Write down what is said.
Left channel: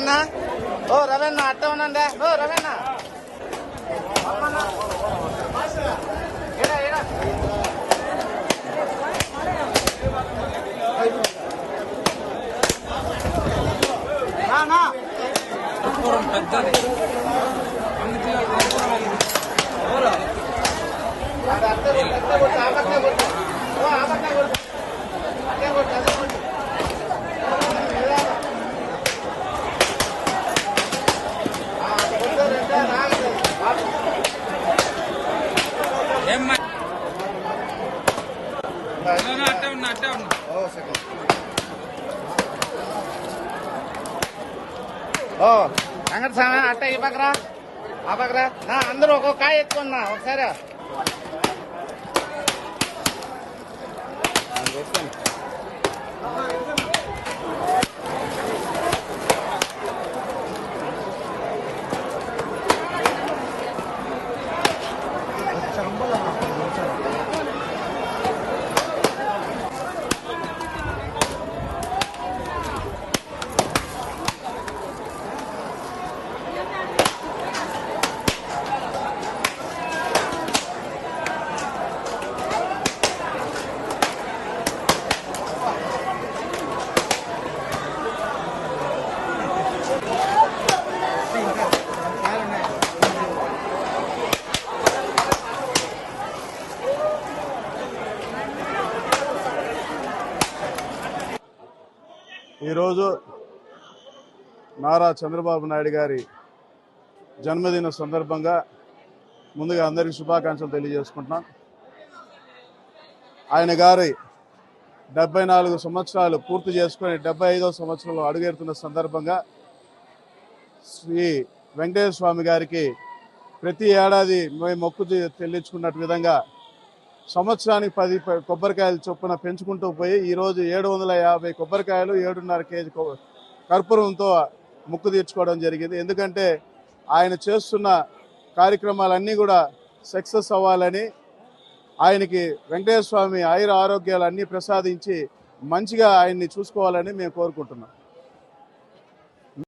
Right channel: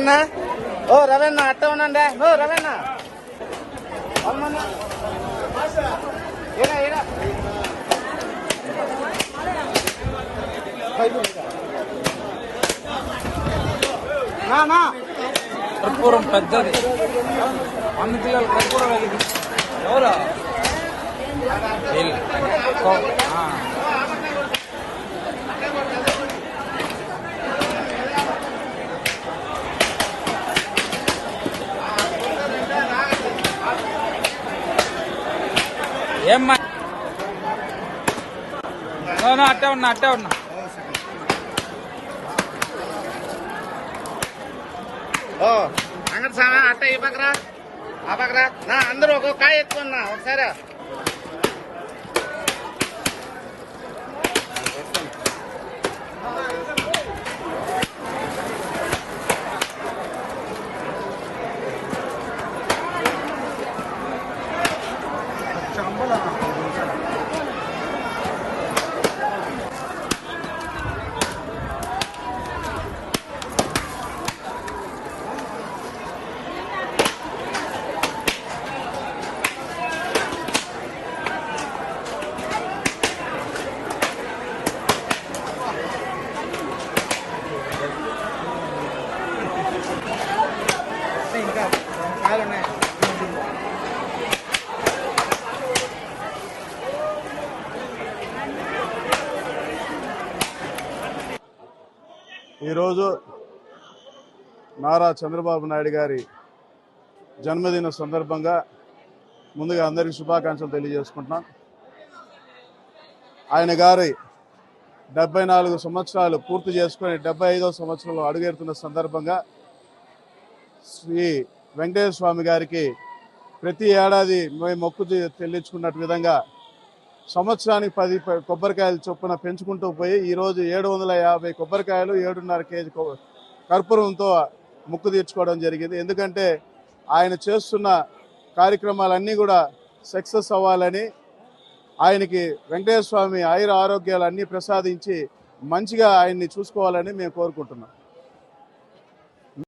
రవన్న ఓ రవన్న అట్ట ఉన్నా ఓ రవన్న అమ్మన్నా కర్పూరం పెద్దది ఎవరా ఏమ్మా అట్టే ఉన్నా అంగడి సామా అట్ట ఈ పక్కరా ఆ పక్కరా నా అందరూ ఒక్కొక్క కాయ ఎత్తుకున్నా ఒకసారి ఈరోజు నారా చంద్రబాబు నాయుడు గారి జన్మదిన సందర్భంగా ముందుగా అందరికీ శుభాకాంక్షలు తెలియజేసుకుంటున్నాం. ఆయన గారి 74 సంవత్సరాలు పూర్తి చేసుకుని 75వ సంవత్సరంలో అడుగెడుతున్న సందర్భంగా శ్రీ వెంకటేశ్వర స్వామి గారికి ప్రతి ఏడాది మేము మొక్కు చెల్లించుకున్నట్టు విధంగా సంవత్సరానికి 10 కొబ్బరికాయలు చొప్పున పెంచుకుంటూ పోయి ఈరోజు 750 కొబ్బరికాయలు 7.5 కేజీ కర్పూరంతో ముక్కు తీర్చుకోవడం జరిగింది. ఎందుకంటే ఆయన చేస్తున్న కార్యక్రమాలన్నీ కూడా సక్సెస్ అవ్వాలని, ఆయనకి వెంకటేశ్వర స్వామి ఆయుర ఆరోగ్యాలు అన్నీ ప్రసాదించి మంచిగా ఆయన్ని చూసుకోవాలని మేము కోరుకుంటున్నాం.